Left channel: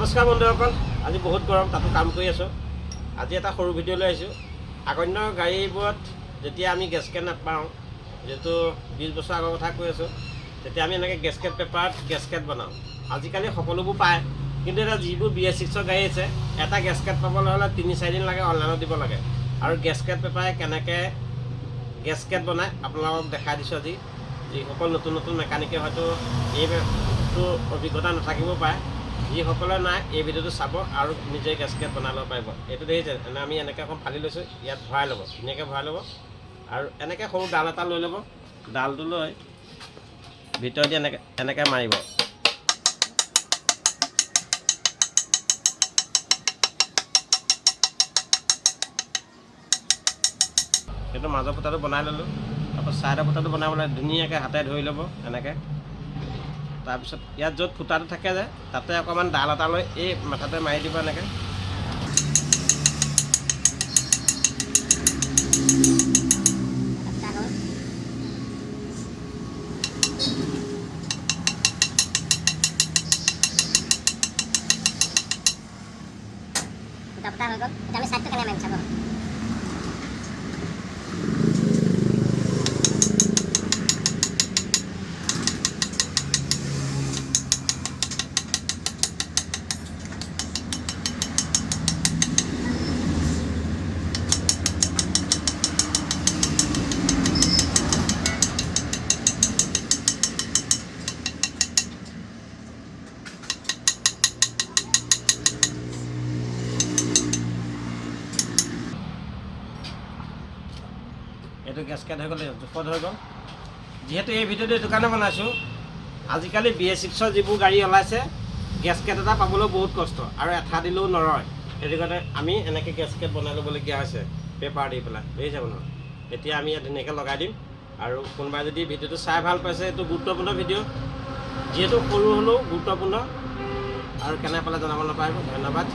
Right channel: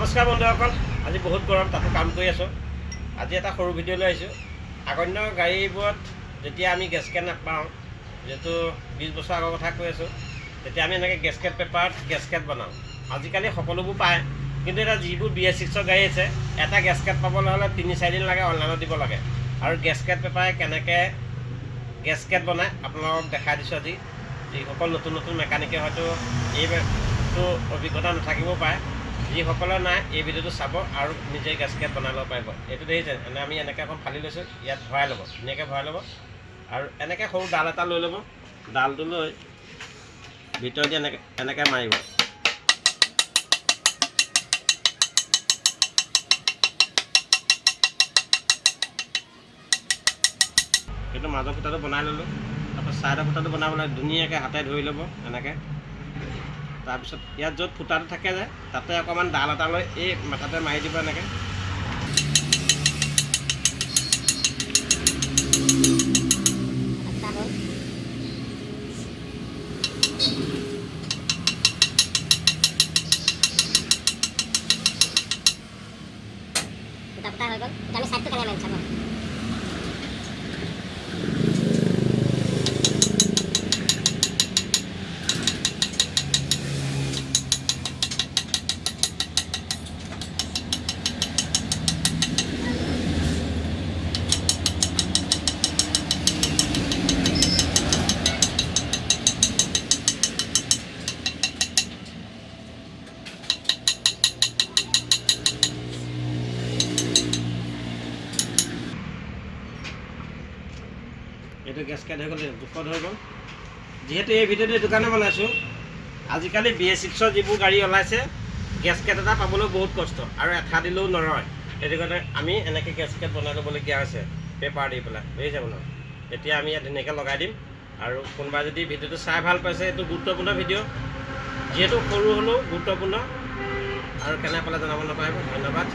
নমস্কাৰ বন্ধুসকল, আজি বহুত গৰম, তাতো কাম কৰি আছোঁ। আজি এটা সৰু ভিডিঅ' লৈ আহিছোঁ। আগন্য গাড়ীবোৰত যেতিয়া আমি গেছকেট নাপাওঁ, যিহেতু 20 বছৰ আগৰ কথা কৈ আছোঁ, তেতিয়া আমি এনেকৈ গেছকেট পেপাৰত গেছকেট বনাওঁ। আজিকালি সকলোবোৰ পায়, কিন্তু এতিয়া যিবোৰ BS6 গাড়ী আছে, এটা গেছকেট পাবলৈ হ'লে 3-4 দিন লাগে, অনলাইনত দিব লাগে। আৰু গেছকেট পেপাৰে কেনেকৈ গেছকেট বনায় আপোনালোকক দেখাই দিছোঁ আজি। যিসকল নতুন নতুন মেকানিকে হয়তো এইটো অভিজ্ঞতা নাথাকিব পাৰে, যিসকলে নাই এই ভিডিঅ'টো চাব আৰু নিজে গেছকেট বনাই ল'ব পাৰিব। এইটো দেখিছে, আমি এনেকৈ এখন ফালি লৈছোঁ, ইয়াত ভৰাই ল'ব, ধুনীয়াকৈ ভৰাই ল'ব। আৰু এনেকৈ সৰু ডাল এটা লৈ ল'ব, ডালটো লৈ ভিতৰেদি এনেকৈ মাৰিব। সেইটো মাজৰ ফুটাটো বনাই ল'লোঁ, তাৰপৰা ছাইডৰ ফুটাটো বনাবলৈ ধুনীয়াকৈ হাতে ধৰি ল'ব এনেকৈ। তাৰপিছত ইয়াত য'ত ফুটাটো থাকে যে তাতে অকণমান ডাল এটা লৈ এই মাথাতে মাৰি দিব এনেকৈ। ফুটা হৈ গ'ল, এতিয়া আমি ছাইডটো কেনেকৈ মাৰিম চাব। এইটো গেছকেট হৈ গ'ল, জোখত হৈ গ'ল। যিহেতু এই ভিডিঅ'টো এইটো কাৰণে বনাইছোঁ, আজিকালি BS6 যিবোৰ গাড়ী ওলাইছে, গেছকেট এটা পাবলৈ বহুত কষ্ট আৰু এঠা দিলেও নৰয়। সেইটো কাৰণে আমি এনেকৈ গেছকেট বনাই ল'বলগীয়া হৈছে পেপাৰ দি পেলাই, বুজিছে বনাওঁ। এতিয়া আমি ইয়াত ধুনীয়াকৈ লগাই দিম। আৰু কোনোবাই যদি ভিডিঅ'টো চাই ভাল পাইছে, এইটো গুৰুত্বপূৰ্ণ ভিডিঅ', যিহেতু সৰু হ'লেও গুৰুত্বপূৰ্ণ। আৰু কেনে পালে জনাব নাপাৰিব। ধন্যবাদ।